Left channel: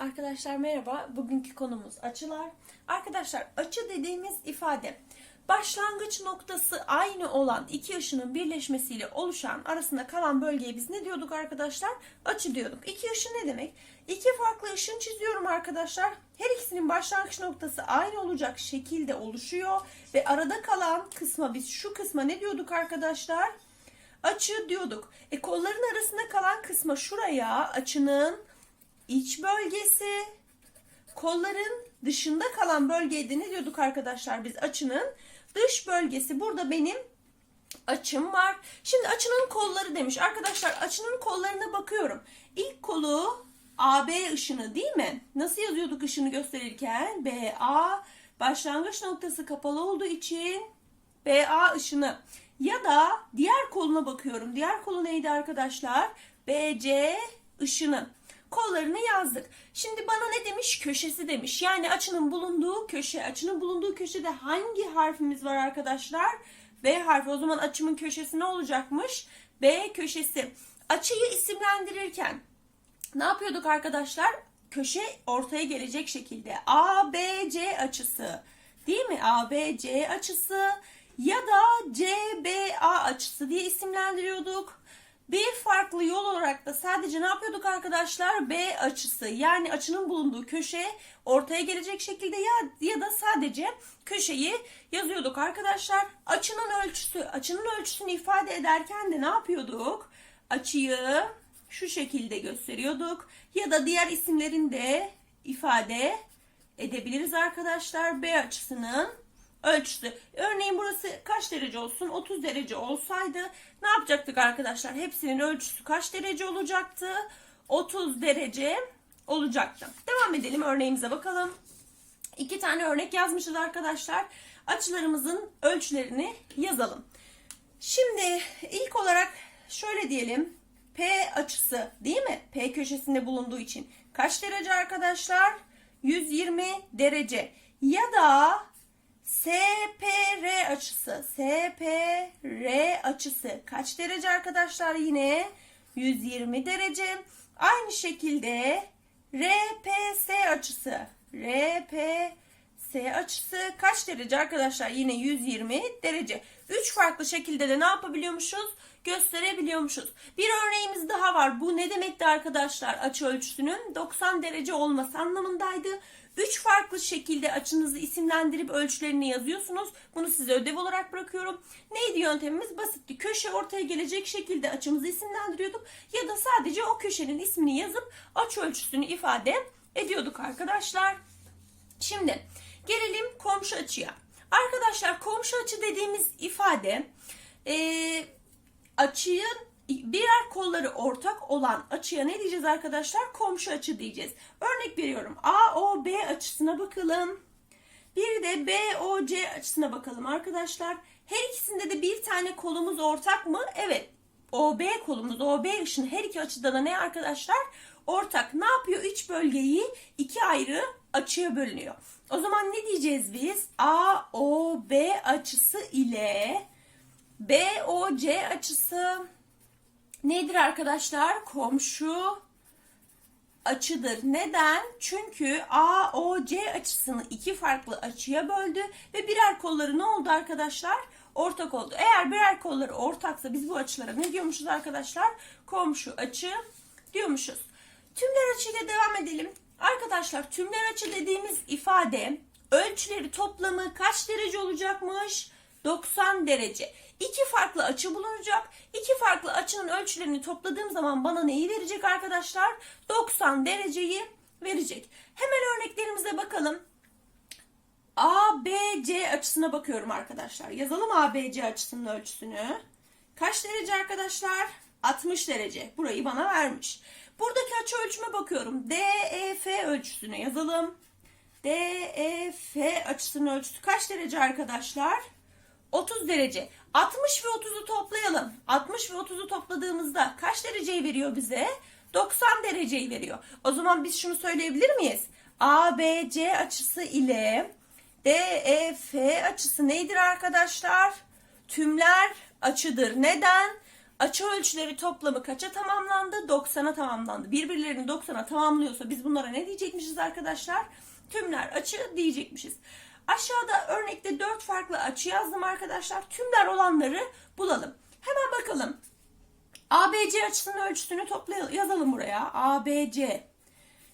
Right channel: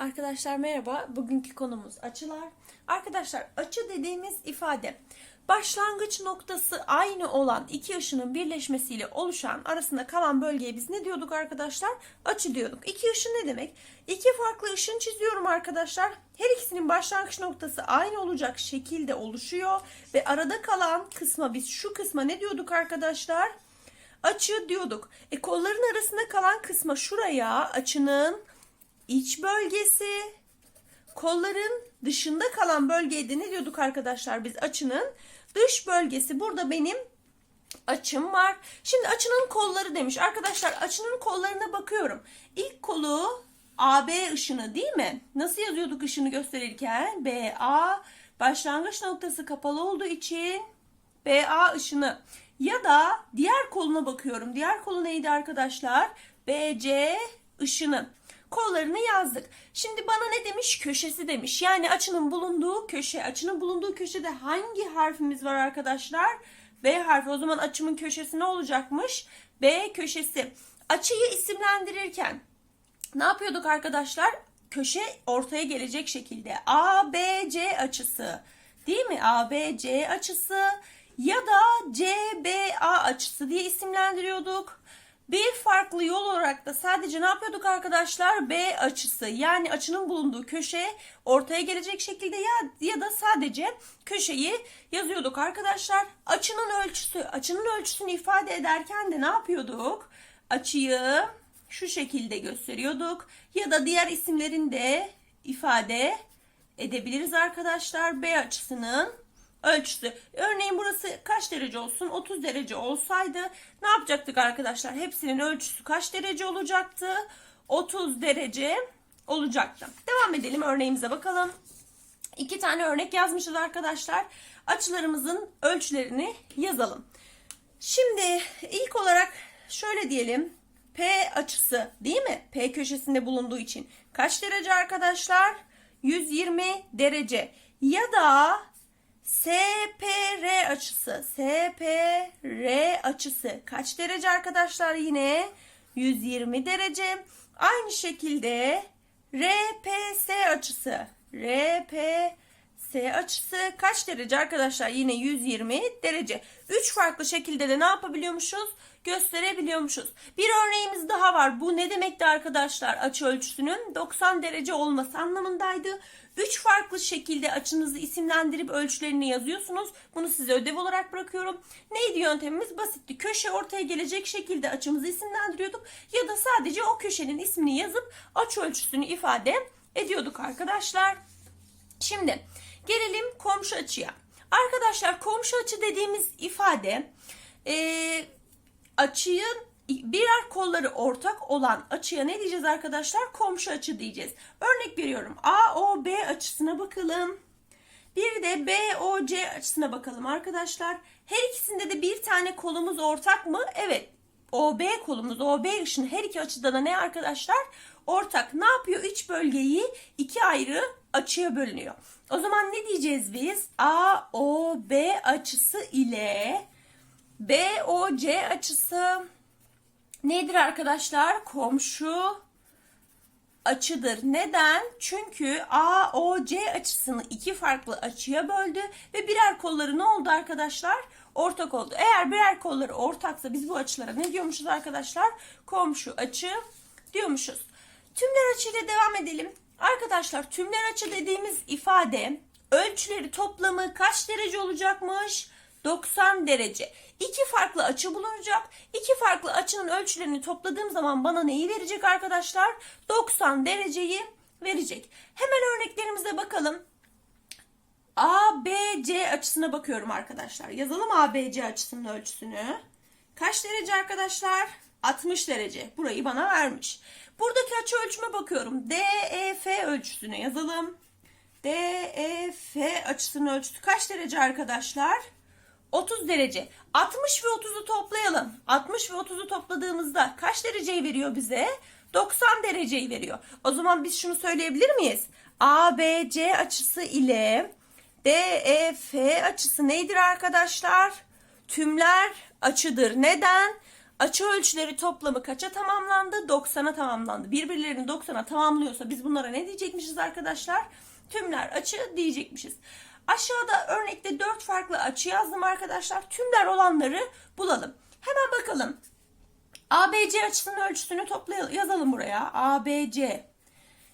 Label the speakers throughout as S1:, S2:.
S1: Arkadaşlar merhaba. Bugünkü konumuz açılar. Arkadaşlar açı dediğimiz ifade başlangıç noktası aynı olan iki ışının birleşmesiyle oluşan arasında kalan bölgeye biz ne diyorduk arkadaşlar? Açı diyorduk. İki ışın ne demek? İki farklı ışın çiziyorum arkadaşlar. Her ikisinin başlangıç noktası aynı olacak şekilde oluşuyor ve arada kalan kısma biz şu kısma ne diyorduk arkadaşlar? Açı diyorduk. E kolların arasında kalan kısma şuraya açının iç bölgesi, kolların dışında kalan bölgeye de ne diyorduk arkadaşlar biz açının dış bölgesi. Burada benim açım var. Şimdi açının kolları demiş. Arkadaşlar açının kollarına bakıyorum. İlk kolu AB ışını değil mi? Nasıl yazıyorduk ışını gösterirken? BA başlangıç noktası kapalı olduğu için BA ışını. Ya da diğer koluna bakıyorum. Diğer kolu neydi arkadaşlar? BC ışını kollarını yazdık. Şimdi bana ne demiş? Köşesi demiş. Yani açının bulunduğu köşe. Açının bulunduğu köşede hangi harfimiz var arkadaşlar? B harfi. O zaman açımın köşesi ne olacakmış? B köşesi. Açıyı isimlendirirken ne yapıyorduk arkadaşlar? Köşe ortaya gelecek şekilde. A, B, C açısı. Değil mi? A, B, C açısı ya da C, B, A açısı diye isimlendiriyorduk. Bir farklı yol olarak da sadece ne yapıyorduk arkadaşlar? B açısı yani açının bulunduğu köşe ortaya gelecek şekilde ya, ya da sadece köşeyi yazıyorduk arkadaşlar. Açının ölçüsü, açının ölçüsünü ifade ederken de ne yapıyorduk? Açıyı şu şekilde gösteriyorduk ya da diğer isimlerini de ifade edebiliriz arkadaşlar. B açısının ölçüsü. Örneğin burası kaç derece olsun? 30 derece olsaydı ne yapacaktık arkadaşlar? Hepsinin ölçüsü kaç derece olacaktı? 30 derece olacaktı. Devam edelim örneğimize bakalım. İki tane örnek yazmışız arkadaşlar. Açılarımızın ölçülerini yazalım. Şimdi ilk olarak şöyle diyelim. P açısı değil mi? P köşesinde bulunduğu için kaç derece arkadaşlar? 120 derece. Ya da SPR açısı. SPR açısı kaç derece arkadaşlar yine? 120 derece. Aynı şekilde RPS açısı. RPS açısı kaç derece arkadaşlar? Yine 120 derece. 3 farklı şekilde de ne yapabiliyormuşuz? Gösterebiliyormuşuz. Bir örneğimiz daha var. Bu ne demekti arkadaşlar? Açı ölçüsünün 90 derece olması anlamındaydı. Üç farklı şekilde açınızı isimlendirip ölçülerini yazıyorsunuz. Bunu size ödev olarak bırakıyorum. Neydi yöntemimiz? Basitti. Köşe ortaya gelecek şekilde açımızı isimlendiriyorduk. Ya da sadece o köşenin ismini yazıp açı ölçüsünü ifade ediyorduk arkadaşlar. Şimdi gelelim komşu açıya. Arkadaşlar komşu açı dediğimiz ifade ee, açının birer kolları ortak olan açıya ne diyeceğiz arkadaşlar? Komşu açı diyeceğiz. Örnek veriyorum. AOB açısına bakalım. Bir de BOC açısına bakalım arkadaşlar. Her ikisinde de bir tane kolumuz ortak mı? Evet. OB kolumuz, OB ışını her iki açıda da ne arkadaşlar? Ortak. Ne yapıyor? Üç bölgeyi iki ayrı açıya bölünüyor. O zaman ne diyeceğiz biz? AOB açısı ile BOC açısı nedir arkadaşlar? Komşu açıdır. Neden? Çünkü AOC açısını iki farklı açıya böldü ve birer kolları ne oldu arkadaşlar? Ortak oldu. Eğer birer kolları ortaksa biz bu açılara ne diyormuşuz arkadaşlar? Komşu açı diyormuşuz. Tümler açıyla devam edelim. Arkadaşlar tümler açı dediğimiz ifade ölçüleri toplamı kaç derece olacakmış? 90 derece. İki farklı açı bulunacak. İki farklı açının ölçülerini topladığım zaman bana neyi verecek arkadaşlar? 90 dereceyi verecek. Hemen örneklerimize bakalım. ABC açısına bakıyorum arkadaşlar. Yazalım ABC açısının ölçüsünü. Kaç derece arkadaşlar? 60 derece. Burayı bana vermiş. Buradaki açı ölçüme bakıyorum. DEF ölçüsünü yazalım. DEF açısının ölçüsü kaç derece arkadaşlar? 30 derece. 60 ve 30'u toplayalım. 60 ve 30'u topladığımızda kaç dereceyi veriyor bize? 90 dereceyi veriyor. O zaman biz şunu söyleyebilir miyiz? ABC açısı ile DEF açısı nedir arkadaşlar? Tümler açıdır. Neden? Açı ölçüleri toplamı kaça tamamlandı? 90'a tamamlandı. Birbirlerini 90'a tamamlıyorsa biz bunlara ne diyecekmişiz arkadaşlar? Tümler açı diyecekmişiz. Aşağıda örnekte 4 farklı açı yazdım arkadaşlar. Tümler olanları bulalım. Hemen bakalım. ABC açısının ölçüsünü toplayalım. Yazalım buraya. ABC.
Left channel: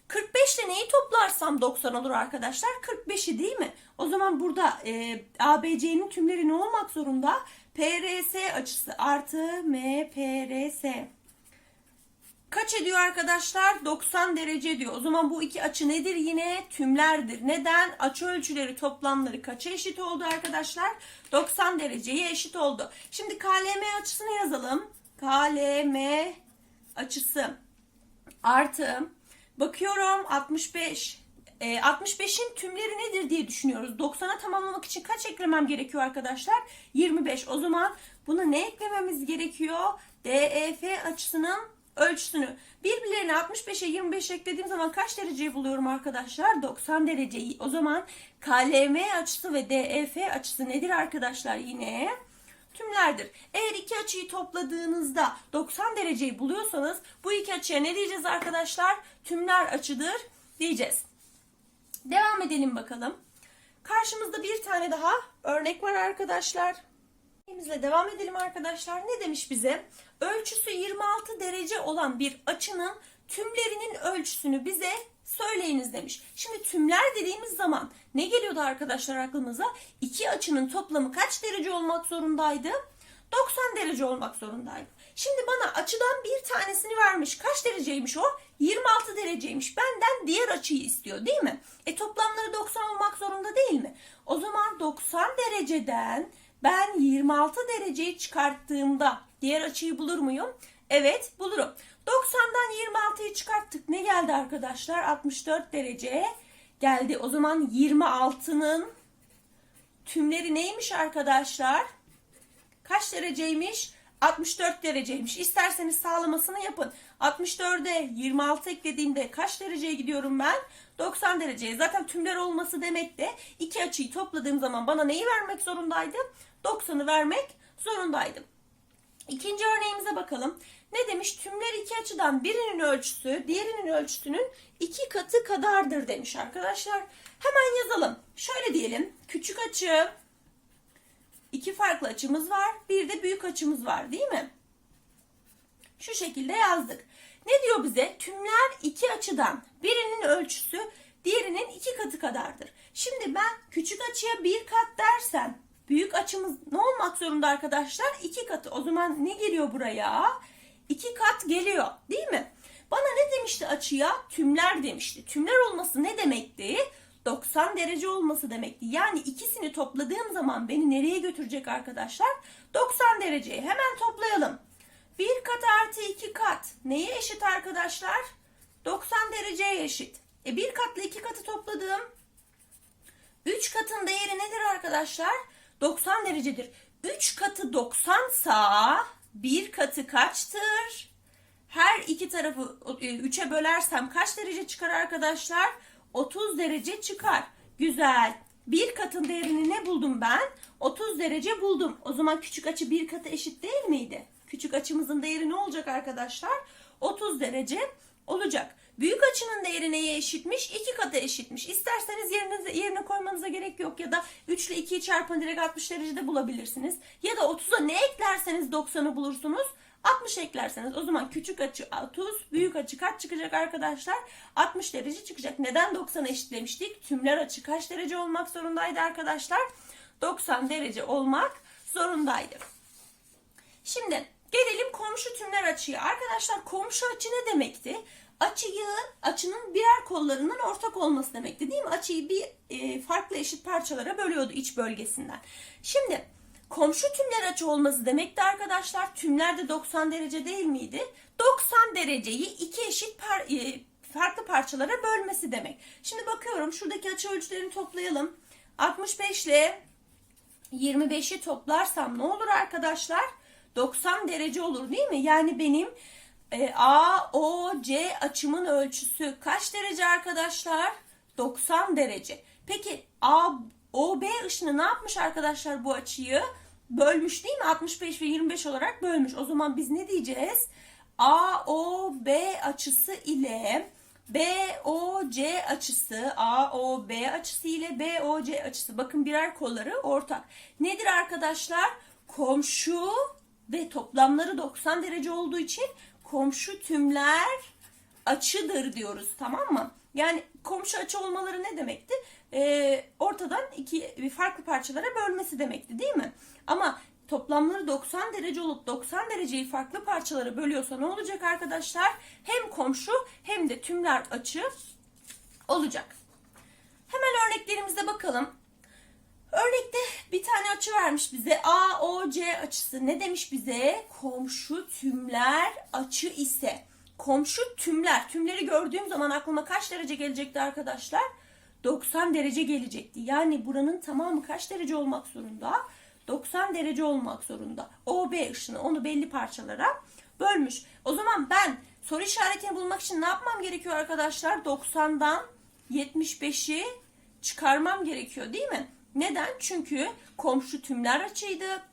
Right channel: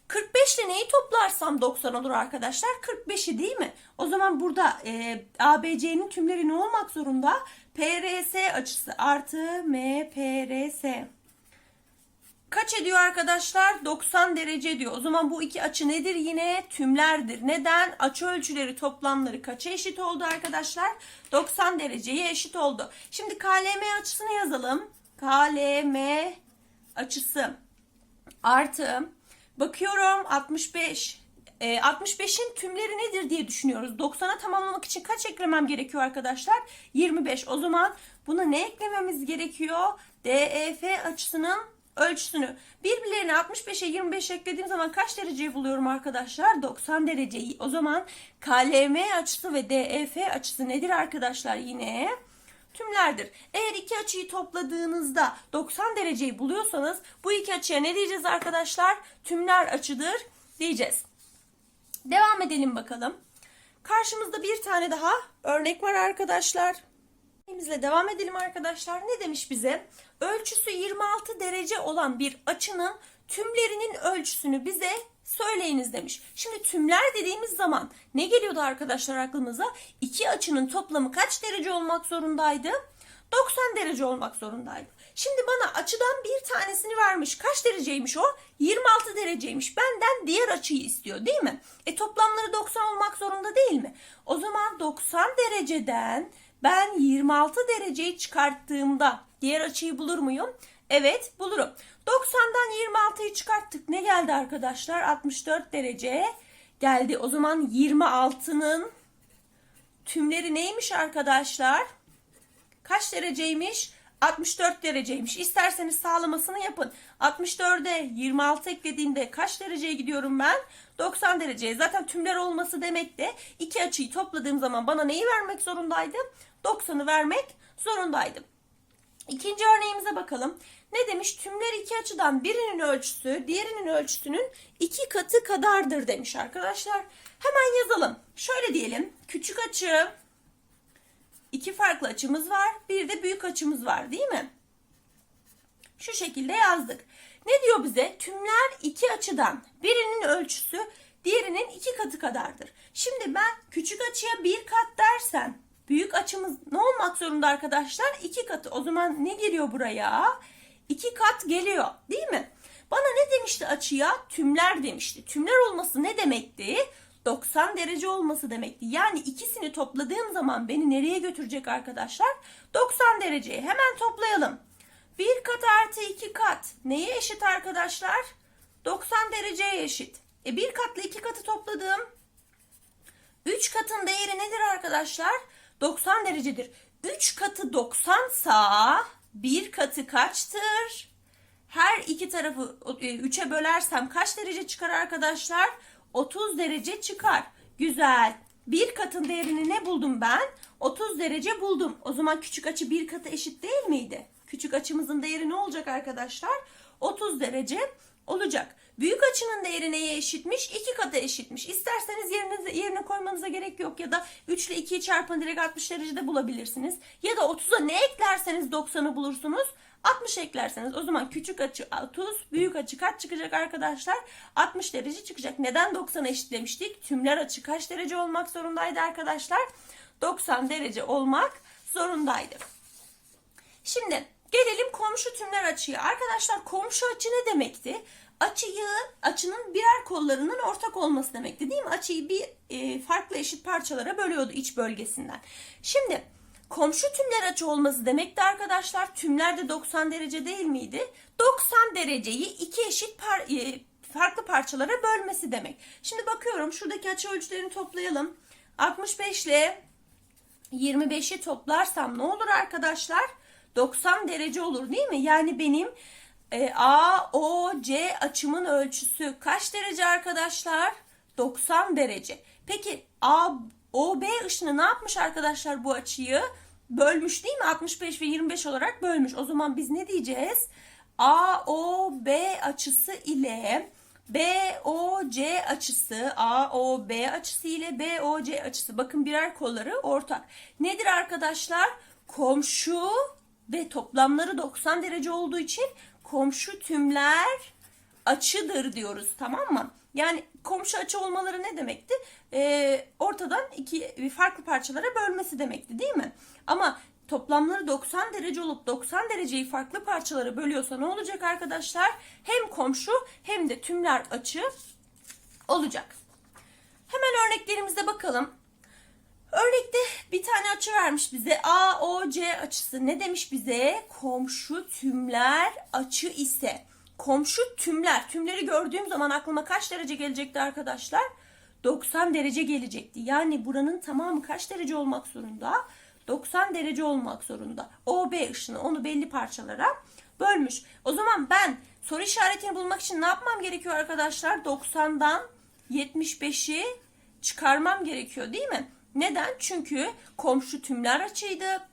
S1: 45 ile neyi toplarsam 90 olur arkadaşlar? 45'i değil mi? O zaman burada e, ABC'nin tümleri ne olmak zorunda? PRS açısı artı MPRS. Kaç ediyor arkadaşlar? 90 derece diyor. O zaman bu iki açı nedir? Yine tümlerdir. Neden? Açı ölçüleri toplamları kaça eşit oldu arkadaşlar? 90 dereceye eşit oldu. Şimdi KLM açısını yazalım. KLM açısı artı bakıyorum 65. E, 65'in tümleri nedir diye düşünüyoruz. 90'a tamamlamak için kaç eklemem gerekiyor arkadaşlar? 25. O zaman buna ne eklememiz gerekiyor? DEF açısının ölçüsünü. Birbirlerine 65'e 25 eklediğim zaman kaç dereceyi buluyorum arkadaşlar? 90 dereceyi. O zaman KLM açısı ve DEF açısı nedir arkadaşlar yine? Tümlerdir. Eğer iki açıyı topladığınızda 90 dereceyi buluyorsanız bu iki açıya ne diyeceğiz arkadaşlar? Tümler açıdır diyeceğiz. Devam edelim bakalım. Karşımızda bir tane daha örnek var arkadaşlar. Örneğimizle devam edelim arkadaşlar. Ne demiş bize? Ölçüsü 26 derece olan bir açının tümlerinin ölçüsünü bize söyleyiniz demiş. Şimdi tümler dediğimiz zaman ne geliyordu arkadaşlar aklımıza? İki açının toplamı kaç derece olmak zorundaydı? 90 derece olmak zorundaydı. Şimdi bana açıdan bir tanesini vermiş. Kaç dereceymiş o? 26 dereceymiş. Benden diğer açıyı istiyor değil mi? E toplamları 90 olmak zorunda değil mi? O zaman 90 dereceden ben 26 dereceyi çıkarttığımda diğer açıyı bulur muyum? Evet bulurum. 90'dan 26'yı çıkarttık. Ne geldi arkadaşlar? 64 derece geldi. O zaman 26'nın tümleri neymiş arkadaşlar? Kaç dereceymiş? 64 dereceymiş. İsterseniz sağlamasını yapın. 64'e 26 eklediğimde kaç dereceye gidiyorum ben? 90 dereceye. Zaten tümler olması demek de iki açıyı topladığım zaman bana neyi vermek zorundaydı? 90'ı vermek zorundaydım. İkinci örneğimize bakalım. Ne demiş? Tümler iki açıdan birinin ölçüsü diğerinin ölçüsünün iki katı kadardır demiş arkadaşlar. Hemen yazalım. Şöyle diyelim. Küçük açı iki farklı açımız var. Bir de büyük açımız var değil mi? Şu şekilde yazdık. Ne diyor bize? Tümler iki açıdan birinin ölçüsü diğerinin iki katı kadardır. Şimdi ben küçük açıya bir kat dersem büyük açımız ne olmak zorunda arkadaşlar? İki katı. O zaman ne geliyor buraya? İki kat geliyor değil mi? Bana ne demişti açıya? Tümler demişti. Tümler olması ne demekti? 90 derece olması demekti. Yani ikisini topladığım zaman beni nereye götürecek arkadaşlar? 90 dereceye. Hemen toplayalım. 1 kat artı 2 kat neye eşit arkadaşlar? 90 dereceye eşit. E 1 katla 2 katı topladım. 3 katın değeri nedir arkadaşlar? 90 derecedir. 3 katı 90 sa 1 katı kaçtır? Her iki tarafı 3'e bölersem kaç derece çıkar arkadaşlar? 30 derece çıkar. Güzel. Bir katın değerini ne buldum ben? 30 derece buldum. O zaman küçük açı bir katı eşit değil miydi? Küçük açımızın değeri ne olacak arkadaşlar? 30 derece olacak. Büyük açının değeri neye eşitmiş? 2 katı eşitmiş. İsterseniz yerine, yerine koymanıza gerek yok. Ya da 3 ile 2'yi çarpın direkt 60 derecede bulabilirsiniz. Ya da 30'a ne eklerseniz 90'ı bulursunuz. 60 eklerseniz o zaman küçük açı 30, büyük açı kaç çıkacak arkadaşlar? 60 derece çıkacak. Neden 90 eşitlemiştik? Tümler açı kaç derece olmak zorundaydı arkadaşlar? 90 derece olmak zorundaydı. Şimdi gelelim komşu tümler açıya. Arkadaşlar komşu açı ne demekti? Açıyı, açının birer kollarının ortak olması demekti değil mi? Açıyı bir e, farklı eşit parçalara bölüyordu iç bölgesinden. Şimdi komşu tümler açı olması demekti arkadaşlar. Tümler de 90 derece değil miydi? 90 dereceyi iki eşit par e, farklı parçalara bölmesi demek. Şimdi bakıyorum şuradaki açı ölçülerini toplayalım. 65 ile 25'i toplarsam ne olur arkadaşlar? 90 derece olur değil mi? Yani benim E, A, O, C açımın ölçüsü kaç derece arkadaşlar? 90 derece. Peki A, O, B ışını ne yapmış arkadaşlar bu açıyı? Bölmüş değil mi? 65 ve 25 olarak bölmüş. O zaman biz ne diyeceğiz? A, O, B açısı ile BOC açısı, AOB açısı ile BOC açısı. Bakın birer kolları ortak. Nedir arkadaşlar? Komşu ve toplamları 90 derece olduğu için komşu tümler açıdır diyoruz tamam mı? Yani komşu açı olmaları ne demekti? Ee, ortadan iki farklı parçalara bölmesi demekti değil mi? Ama toplamları 90 derece olup 90 dereceyi farklı parçalara bölüyorsa ne olacak arkadaşlar? Hem komşu hem de tümler açı olacak. Hemen örneklerimize bakalım. Örnekte bir tane açı vermiş bize. AOC açısı ne demiş bize? Komşu tümler açı ise. Komşu tümler. Tümleri gördüğüm zaman aklıma kaç derece gelecekti arkadaşlar? 90 derece gelecekti. Yani buranın tamamı kaç derece olmak zorunda? 90 derece olmak zorunda. OB ışını onu belli parçalara bölmüş. O zaman ben soru işaretini bulmak için ne yapmam gerekiyor arkadaşlar? 90'dan 75'i çıkarmam gerekiyor değil mi? Neden? Çünkü komşu tümler açıydı.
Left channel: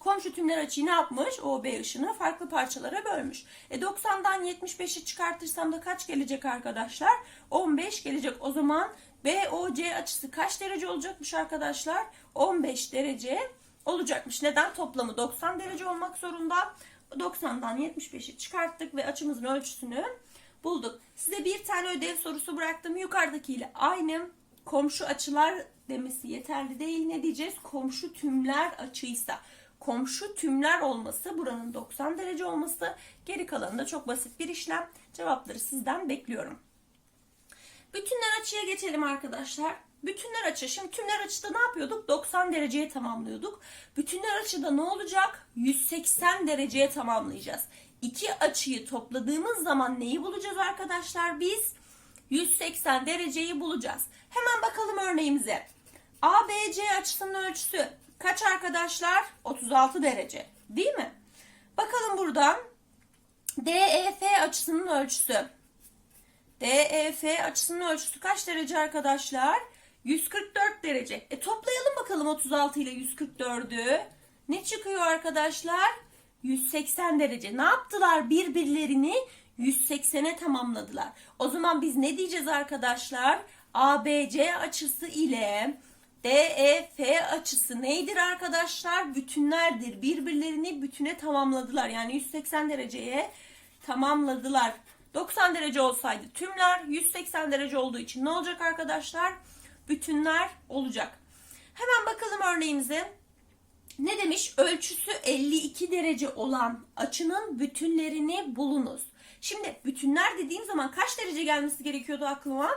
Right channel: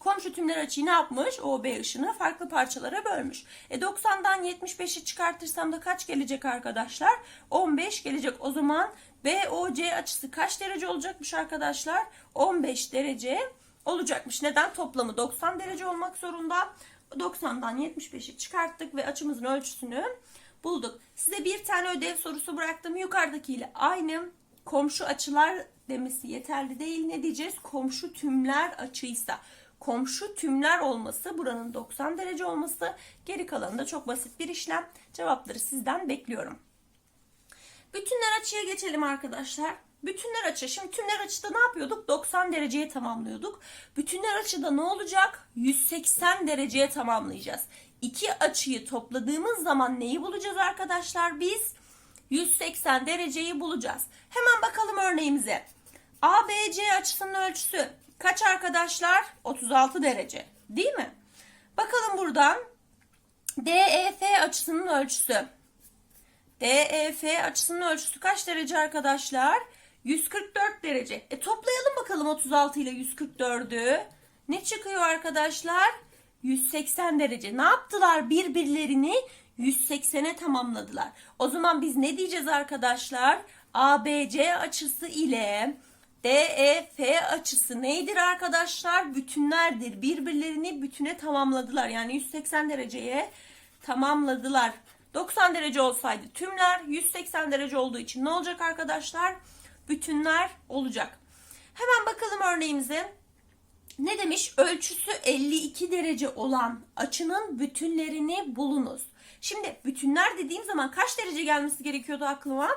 S1: Komşu tümler açıyı ne yapmış? OB ışını farklı parçalara bölmüş. E 90'dan 75'i çıkartırsam da kaç gelecek arkadaşlar? 15 gelecek. O zaman BOC açısı kaç derece olacakmış arkadaşlar? 15 derece olacakmış. Neden? Toplamı 90 derece olmak zorunda. 90'dan 75'i çıkarttık ve açımızın ölçüsünü bulduk. Size bir tane ödev sorusu bıraktım. Yukarıdakiyle aynı komşu açılar demesi yeterli değil. Ne diyeceğiz? Komşu tümler açıysa. Komşu tümler olması, buranın 90 derece olması, geri kalanında çok basit bir işlem. Cevapları sizden bekliyorum. Bütünler açıya geçelim arkadaşlar. Bütünler açı. Şimdi tümler açıda ne yapıyorduk? 90 dereceye tamamlıyorduk. Bütünler açıda ne olacak? 180 dereceye tamamlayacağız. İki açıyı topladığımız zaman neyi bulacağız arkadaşlar? Biz 180 dereceyi bulacağız. Hemen bakalım örneğimize. ABC açısının ölçüsü kaç arkadaşlar? 36 derece. Değil mi? Bakalım buradan. DEF açısının ölçüsü. DEF açısının ölçüsü kaç derece arkadaşlar? 144 derece. E toplayalım bakalım 36 ile 144'ü. Ne çıkıyor arkadaşlar? 180 derece. Ne yaptılar? Birbirlerini 180'e tamamladılar. O zaman biz ne diyeceğiz arkadaşlar? ABC açısı ile DEF açısı neydir arkadaşlar? Bütünlerdir. Birbirlerini bütüne tamamladılar. Yani 180 dereceye tamamladılar. 90 derece olsaydı tümler 180 derece olduğu için ne olacak arkadaşlar? Bütünler olacak. Hemen bakalım örneğimize. Ne demiş? Ölçüsü 52 derece olan açının bütünlerini bulunuz. Şimdi bütünler dediğim zaman kaç derece gelmesi gerekiyordu aklıma?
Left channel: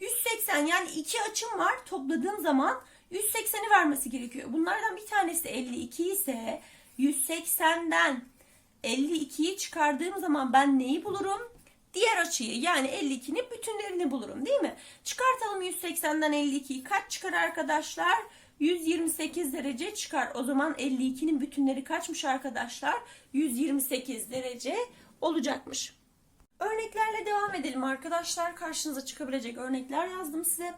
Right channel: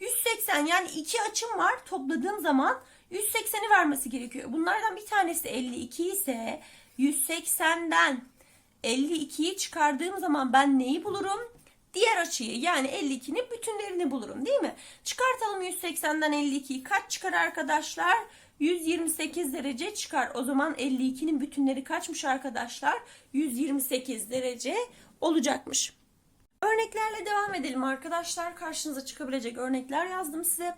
S1: 180 yani iki açım var topladığım zaman 180'i vermesi gerekiyor. Bunlardan bir tanesi 52 ise 180'den 52'yi çıkardığım zaman ben neyi bulurum? Diğer açıyı yani 52'nin bütünlerini bulurum değil mi? Çıkartalım 180'den 52'yi kaç çıkar arkadaşlar? 128 derece çıkar. O zaman 52'nin bütünleri kaçmış arkadaşlar? 128 derece olacakmış. Örneklerle devam edelim arkadaşlar. Karşınıza çıkabilecek örnekler yazdım size.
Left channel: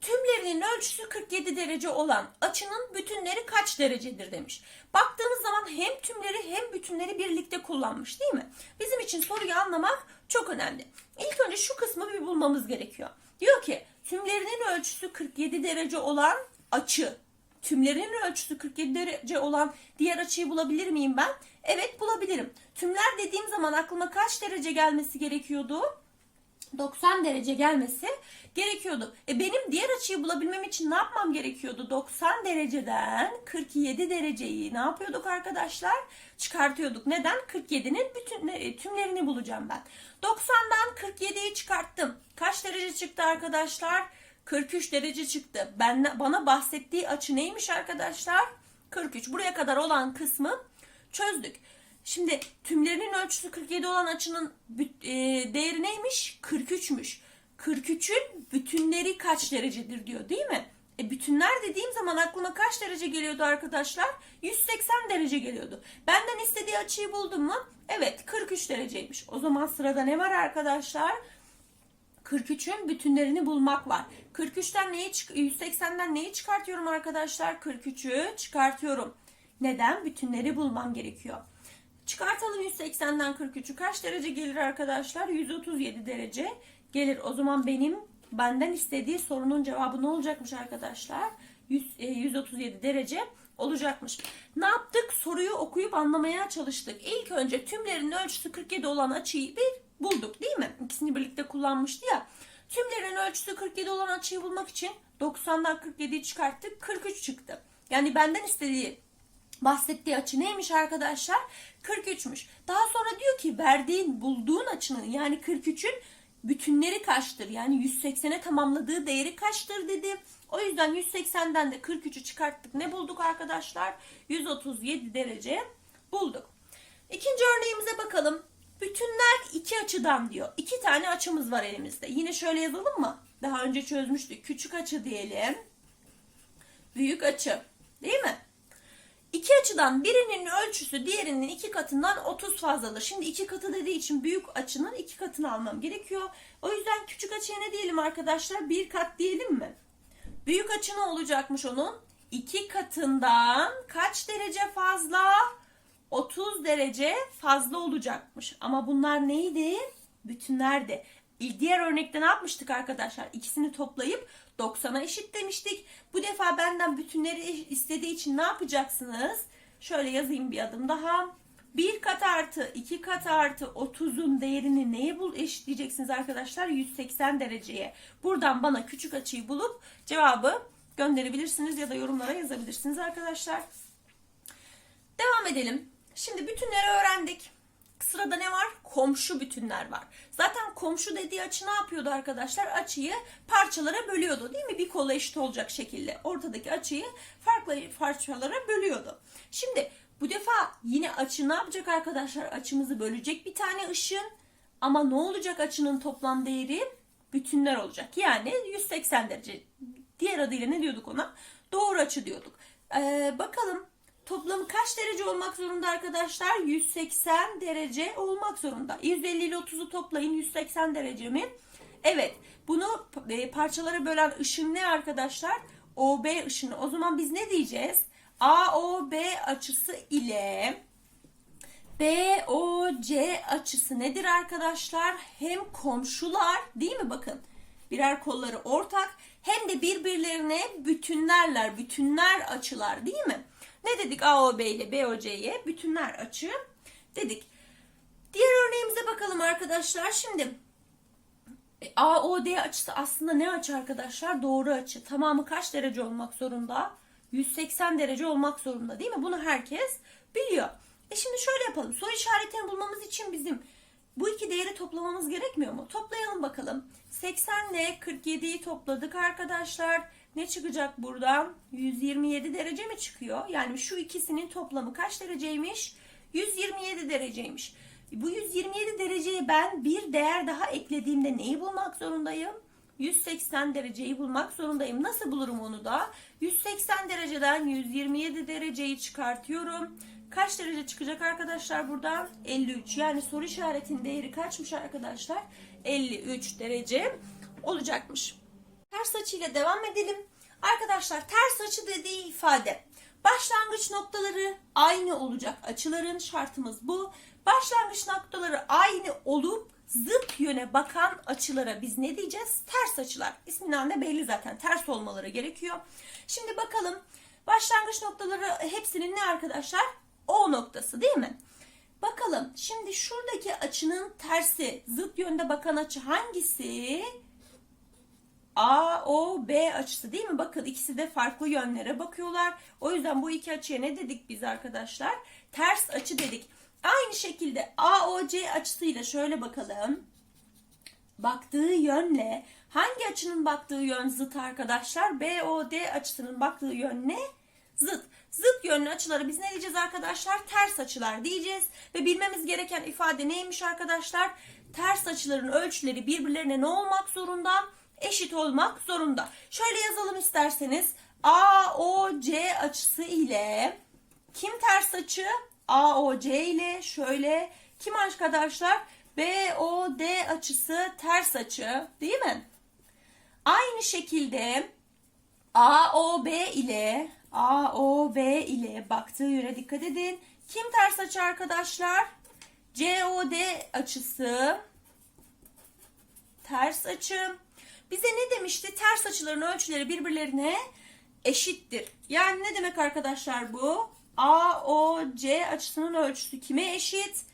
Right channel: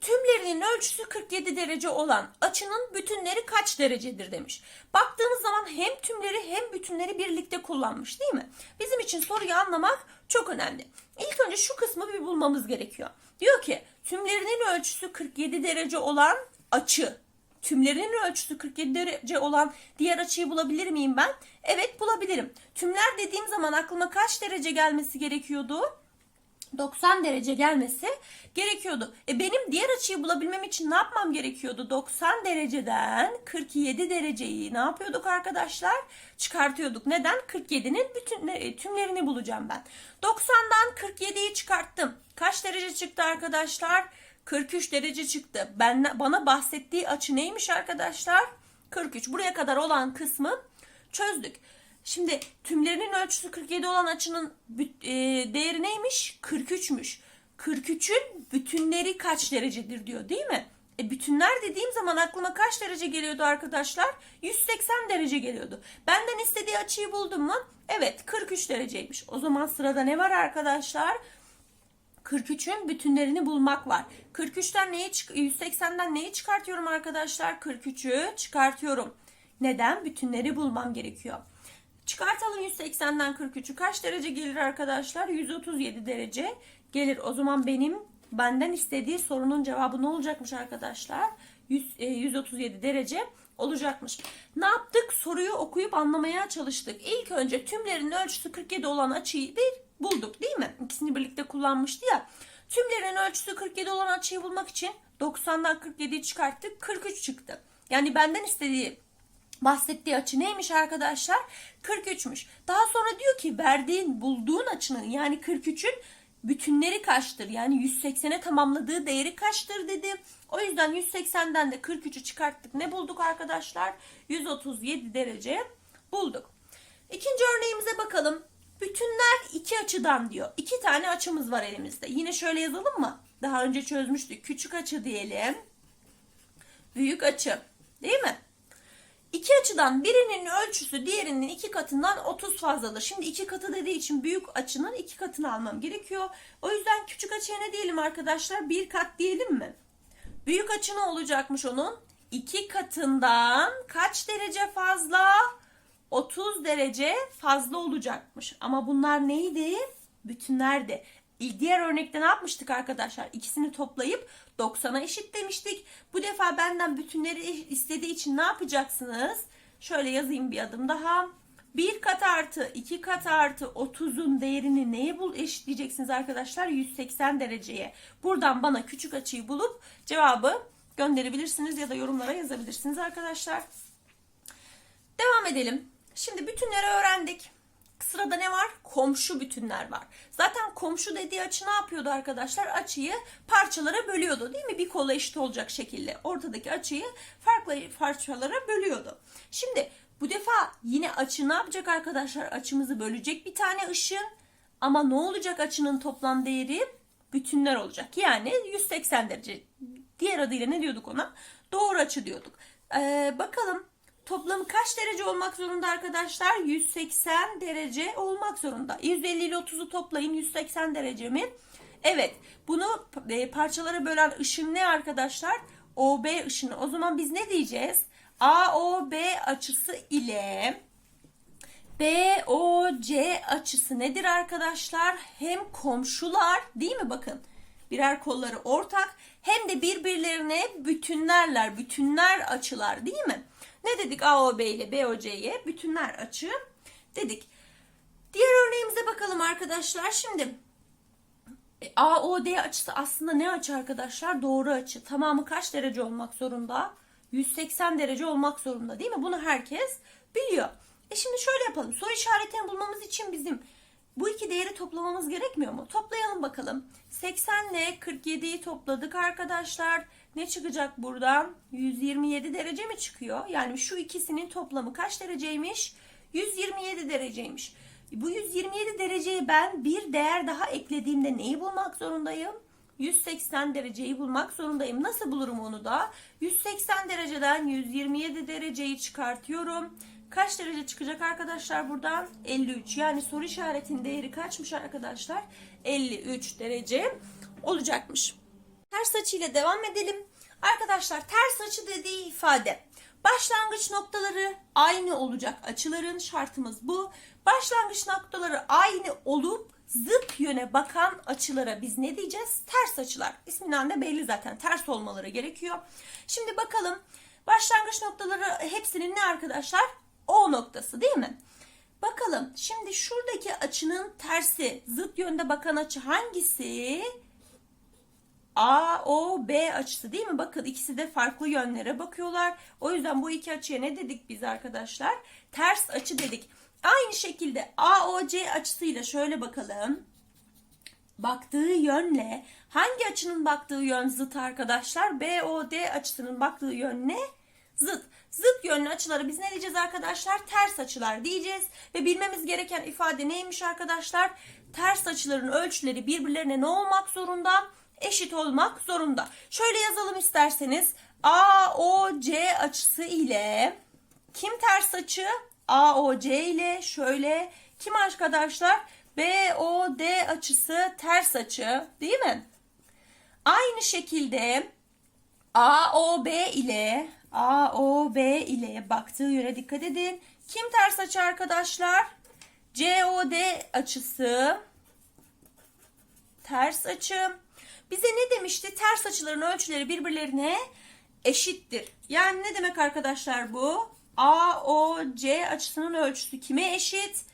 S1: Tümlerinin ölçüsü 47 derece olan açının bütünleri kaç derecedir demiş. Baktığımız zaman hem tümleri hem bütünleri birlikte kullanmış değil mi? Bizim için soruyu anlamak çok önemli. İlk önce şu kısmı bir bulmamız gerekiyor. Diyor ki tümlerinin ölçüsü 47 derece olan açı. Tümlerinin ölçüsü 47 derece olan diğer açıyı bulabilir miyim ben? Evet bulabilirim. Tümler dediğim zaman aklıma kaç derece gelmesi gerekiyordu? 90 derece gelmesi gerekiyordu. E benim diğer açıyı bulabilmem için ne yapmam gerekiyordu? 90 dereceden 47 dereceyi ne yapıyorduk arkadaşlar? Çıkartıyorduk. Neden? 47'nin bütün e, tümlerini bulacağım ben. 90'dan 47'yi çıkarttım. Kaç derece çıktı arkadaşlar? 43 derece çıktı. Ben bana bahsettiği açı neymiş arkadaşlar? 43. Buraya kadar olan kısmı çözdük. Şimdi tümlerinin ölçüsü 47 olan açının e, değeri neymiş? 43'müş. 43'ün bütünleri kaç derecedir diyor değil mi? E bütünler dediğim zaman aklıma kaç derece geliyordu arkadaşlar? 180 derece geliyordu. Benden istediği açıyı buldum mu? Evet 43 dereceymiş. O zaman sırada ne var arkadaşlar? 43'ün bütünlerini bulmak var. 43'ten neyi çık 180'den neyi çıkartıyorum arkadaşlar? 43'ü çıkartıyorum. Neden? Bütünleri bulmam gerekiyor. Çıkartalım 180'den 43'ü. Kaç derece gelir arkadaşlar? 137 derece gelir. O zaman benim benden istediği sorunun cevabı ne olacakmış arkadaşlar? 100, e, 137 derece olacakmış. Ne yaptık? Soruyu okuyup anlamaya çalıştık. İlk önce tümlerin ölçüsü 47 olan açıyı bir bulduk değil mi? İkisini birlikte kullanmıştı ya. Tümlerin ölçüsü 47 olan açıyı bulmak için 90'dan 47'yi çıkarttık. 43 çıktı. Yani benden istediği bahsettiği açı neymiş arkadaşlar? 43'müş. Daha sonra diyor ki verdiğin bulduğun açının yani 43'ün bütünleri kaçtır? Yani 180'e tamamladığı değeri kaçtır dedi. O yüzden 180'den de 43'ü çıkarttık. Ne bulduk arkadaşlar? 137 derece bulduk. İkinci örneğimize bakalım. Bütünler iki açıdan diyor. İki tane açımız var elimizde. Yine şöyle yazalım mı? Daha önce çözmüştük. Küçük açı diyelim. Büyük açı. Değil mi? İki açıdan birinin ölçüsü diğerinin iki katından 30 fazladır. Şimdi iki katı dediği için büyük açının iki katını almam gerekiyor. O yüzden küçük açıya ne diyelim arkadaşlar? Bir kat diyelim mi? Büyük açı ne olacakmış onun? İki katından kaç derece fazla? 30 derece fazla olacakmış. Ama bunlar neydi? Bütünlerdi. Diğer örnekte ne yapmıştık arkadaşlar? İkisini toplayıp 90'a eşit demiştik. Bu defa benden bütünleri istediği için ne yapacaksınız? Şöyle yazayım bir adım daha. 1 kat artı 2 kat artı 30'un değerini neye bul eşitleyeceksiniz arkadaşlar? 180 dereceye. Buradan bana küçük açıyı bulup cevabı gönderebilirsiniz ya da yorumlara yazabilirsiniz arkadaşlar. Devam edelim. Şimdi bütünleri öğrendik. Sırada ne var? Komşu bütünler var. Zaten komşu dediği açı ne yapıyordu arkadaşlar? Açıyı parçalara bölüyordu değil mi? Bir kola eşit olacak şekilde. Ortadaki açıyı farklı parçalara bölüyordu. Şimdi bu defa yine açı ne yapacak arkadaşlar? Açımızı bölecek bir tane ışın. Ama ne olacak açının toplam değeri? Bütünler olacak. Yani 180 derece. Diğer adıyla ne diyorduk ona? Doğru açı diyorduk. Ee, bakalım Toplamı kaç derece olmak zorunda arkadaşlar? 180 derece olmak zorunda. 150 ile 30'u toplayın 180 derece mi? Evet. Bunu e, parçalara bölen ışın ne arkadaşlar? OB ışını. O zaman biz ne diyeceğiz? AOB açısı ile BOC açısı nedir arkadaşlar? Hem komşular değil mi bakın? Birer kolları ortak hem de birbirlerine bütünlerler, bütünler açılar değil mi? Ne dedik AOB ile BOC'ye? Bütünler açı dedik. Diğer örneğimize bakalım arkadaşlar. Şimdi e, AOD açısı aslında ne açı arkadaşlar? Doğru açı. Tamamı kaç derece olmak zorunda? 180 derece olmak zorunda değil mi? Bunu herkes biliyor. E şimdi şöyle yapalım. Soru işaretini bulmamız için bizim bu iki değeri toplamamız gerekmiyor mu? Toplayalım bakalım. 80 ile 47'yi topladık arkadaşlar. Ne çıkacak buradan? 127 derece mi çıkıyor? Yani şu ikisinin toplamı kaç dereceymiş? 127 dereceymiş. Bu 127 dereceyi ben bir değer daha eklediğimde neyi bulmak zorundayım? 180 dereceyi bulmak zorundayım. Nasıl bulurum onu da? 180 dereceden 127 dereceyi çıkartıyorum. Kaç derece çıkacak arkadaşlar buradan? 53. Yani soru işaretinin değeri kaçmış arkadaşlar? 53 derece olacakmış. Ters açıyla devam edelim. Arkadaşlar ters açı dediği ifade. Başlangıç noktaları aynı olacak açıların şartımız bu. Başlangıç noktaları aynı olup zıt yöne bakan açılara biz ne diyeceğiz? Ters açılar. İsminden de belli zaten. Ters olmaları gerekiyor. Şimdi bakalım başlangıç noktaları hepsinin ne arkadaşlar? O noktası değil mi? Bakalım şimdi şuradaki açının tersi zıt yönde bakan açı hangisi? A, O, B açısı değil mi? Bakın ikisi de farklı yönlere bakıyorlar. O yüzden bu iki açıya ne dedik biz arkadaşlar? Ters açı dedik. Aynı şekilde A, O, C açısıyla şöyle bakalım. Baktığı yönle hangi açının baktığı yön zıt arkadaşlar? B, O, D açısının baktığı yön? Zıt. Zıt yönlü açıları biz ne diyeceğiz arkadaşlar? Ters açılar diyeceğiz. Ve bilmemiz gereken ifade neymiş arkadaşlar? Ters açıların ölçüleri birbirlerine ne olmak zorunda? eşit olmak zorunda. Şöyle yazalım isterseniz. AOC açısı ile kim ters açı? AOC ile şöyle kim arkadaşlar? BOD açısı ters açı değil mi? Aynı şekilde AOB ile AOB ile baktığı yöne dikkat edin. Kim ters açı arkadaşlar? COD açısı ters açı. Bize ne demişti? Ters açıların ölçüleri birbirlerine eşittir. Yani ne demek arkadaşlar bu? AOC açısının ölçüsü kime eşit?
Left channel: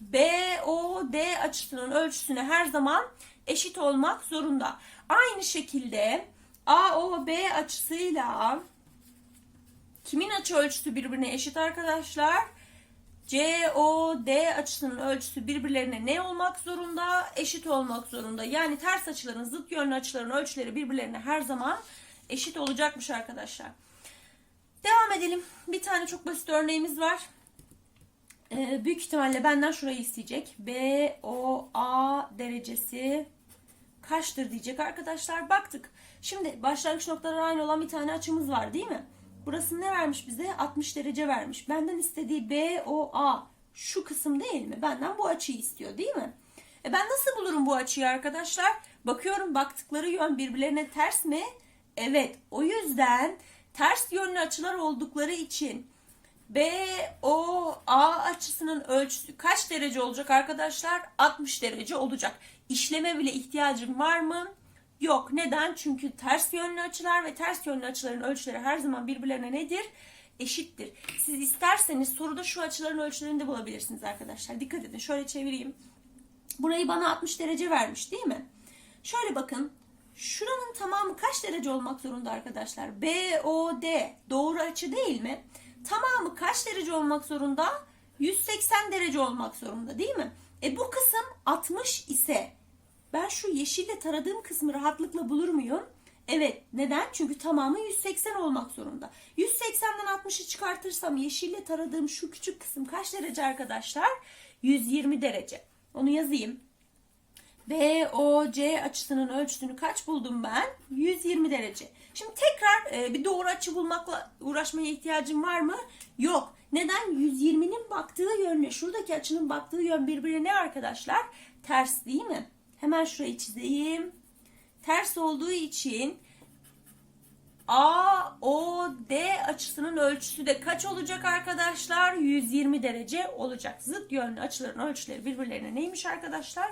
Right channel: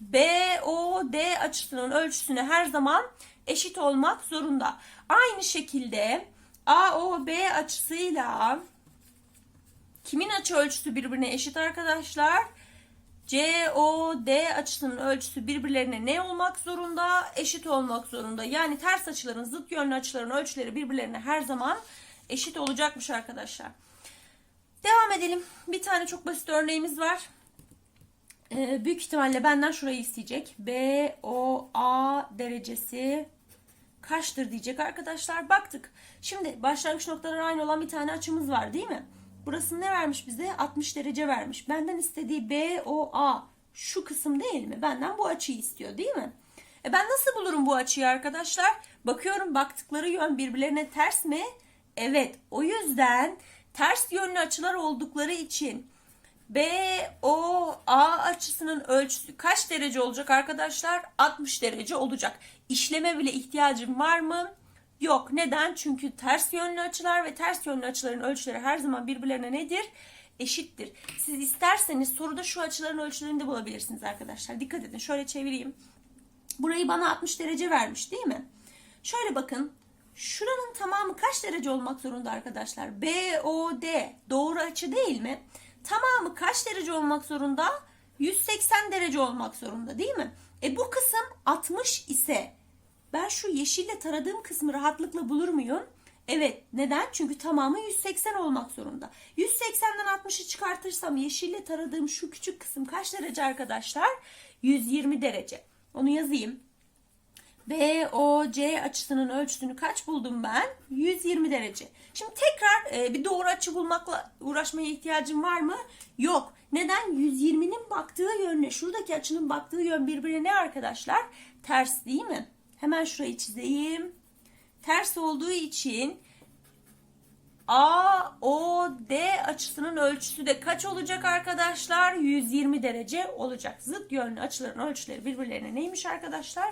S1: BOD açısının ölçüsüne her zaman eşit olmak zorunda. Aynı şekilde AOB açısıyla kimin açı ölçüsü birbirine eşit arkadaşlar? COD açısının ölçüsü birbirlerine ne olmak zorunda? Eşit olmak zorunda. Yani ters açıların, zıt yönlü açıların ölçüleri birbirlerine her zaman eşit olacakmış arkadaşlar. Devam edelim. Bir tane çok basit örneğimiz var. Ee, büyük ihtimalle benden şurayı isteyecek. BOA derecesi kaçtır diyecek arkadaşlar. Baktık. Şimdi başlangıç noktaları aynı olan bir tane açımız var değil mi? Burası ne vermiş bize? 60 derece vermiş. Benden istediği BOA şu kısım değil mi? Benden bu açıyı istiyor değil mi? E ben nasıl bulurum bu açıyı arkadaşlar? Bakıyorum baktıkları yön birbirlerine ters mi? Evet. O yüzden ters yönlü açılar oldukları için BOA açısının ölçüsü kaç derece olacak arkadaşlar? 60 derece olacak. İşleme bile ihtiyacım var mı? Yok. Neden? Çünkü ters yönlü açılar ve ters yönlü açıların ölçüleri her zaman birbirlerine nedir? Eşittir. Siz isterseniz soruda şu açıların ölçülerini de bulabilirsiniz arkadaşlar. Dikkat edin. Şöyle çevireyim. Burayı bana 60 derece vermiş değil mi? Şöyle bakın. Şuranın tamamı kaç derece olmak zorunda arkadaşlar? BOD doğru açı değil mi? Tamamı kaç derece olmak zorunda? 180 derece olmak zorunda değil mi? E bu kısım 60 ise ben şu yeşille taradığım kısmı rahatlıkla bulur muyum? Evet. Neden? Çünkü tamamı 180 olmak zorunda. 180'den 60'ı çıkartırsam yeşille taradığım şu küçük kısım kaç derece arkadaşlar? 120 derece. Onu yazayım. BOC açısının ölçüsünü kaç buldum ben? 120 derece. Şimdi tekrar e, bir doğru açı bulmakla uğraşmaya ihtiyacım var mı? Yok. Neden? 120'nin baktığı yönle şuradaki açının baktığı yön birbirine ne arkadaşlar? Ters değil mi? Hemen şurayı çizeyim. Ters olduğu için AOD açısının ölçüsü de kaç olacak arkadaşlar? 120 derece olacak. Zıt yönlü açıların ölçüleri birbirlerine neymiş arkadaşlar?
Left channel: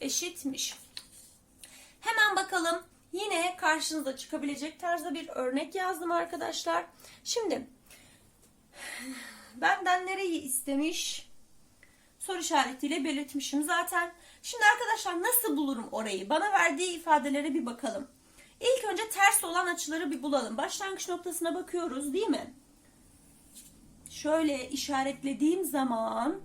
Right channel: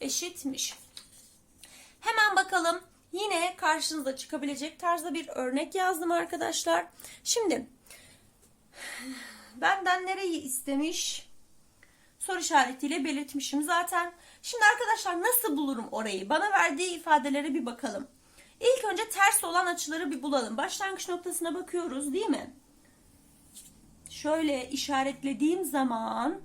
S1: Eşitmiş. Hemen bakalım. Yine karşınıza çıkabilecek tarzda bir örnek yazdım arkadaşlar. Şimdi benden nereyi istemiş? Soru işaretiyle belirtmişim zaten. Şimdi arkadaşlar nasıl bulurum orayı? Bana verdiği ifadelere bir bakalım. İlk önce ters olan açıları bir bulalım. Başlangıç noktasına bakıyoruz değil mi? Şöyle işaretlediğim zaman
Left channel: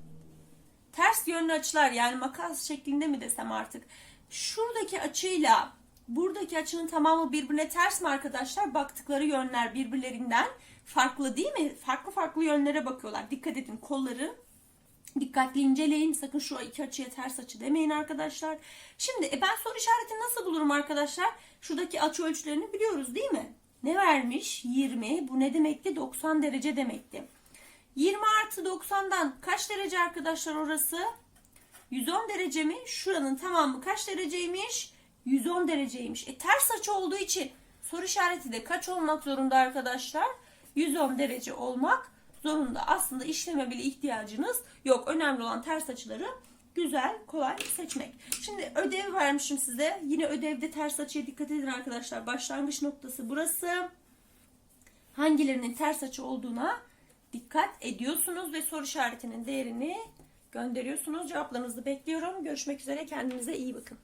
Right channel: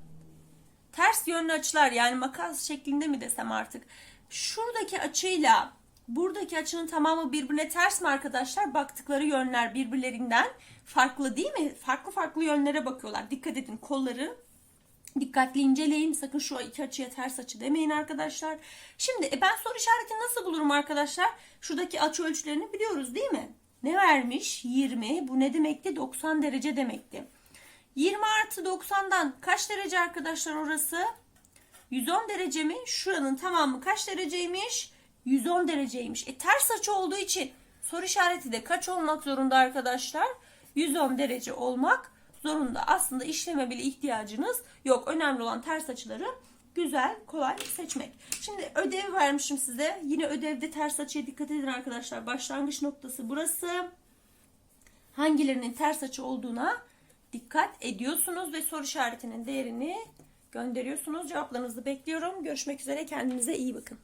S1: ters yönlü açılar yani makas şeklinde mi desem artık. Şuradaki açıyla buradaki açının tamamı birbirine ters mi arkadaşlar? Baktıkları yönler birbirlerinden farklı değil mi? Farklı farklı yönlere bakıyorlar. Dikkat edin kolları Dikkatli inceleyin. Sakın şu iki açıya ters açı demeyin arkadaşlar. Şimdi e, ben soru işaretini nasıl bulurum arkadaşlar? Şuradaki açı ölçülerini biliyoruz değil mi? Ne vermiş? 20. Bu ne demekti? 90 derece demekti. 20 artı 90'dan kaç derece arkadaşlar orası? 110 derece mi? Şuranın tamamı kaç dereceymiş? 110 dereceymiş. E ters açı olduğu için soru işareti de kaç olmak zorunda arkadaşlar? 110 derece olmak zorunda. Aslında işleme bile ihtiyacınız yok. Önemli olan ters açıları güzel, kolay seçmek. Şimdi ödev vermişim size. Yine ödevde ters açıya dikkat edin arkadaşlar. Başlangıç noktası burası. Hangilerinin ters açı olduğuna dikkat ediyorsunuz ve soru işaretinin değerini gönderiyorsunuz. Cevaplarınızı bekliyorum. Görüşmek üzere. Kendinize iyi bakın.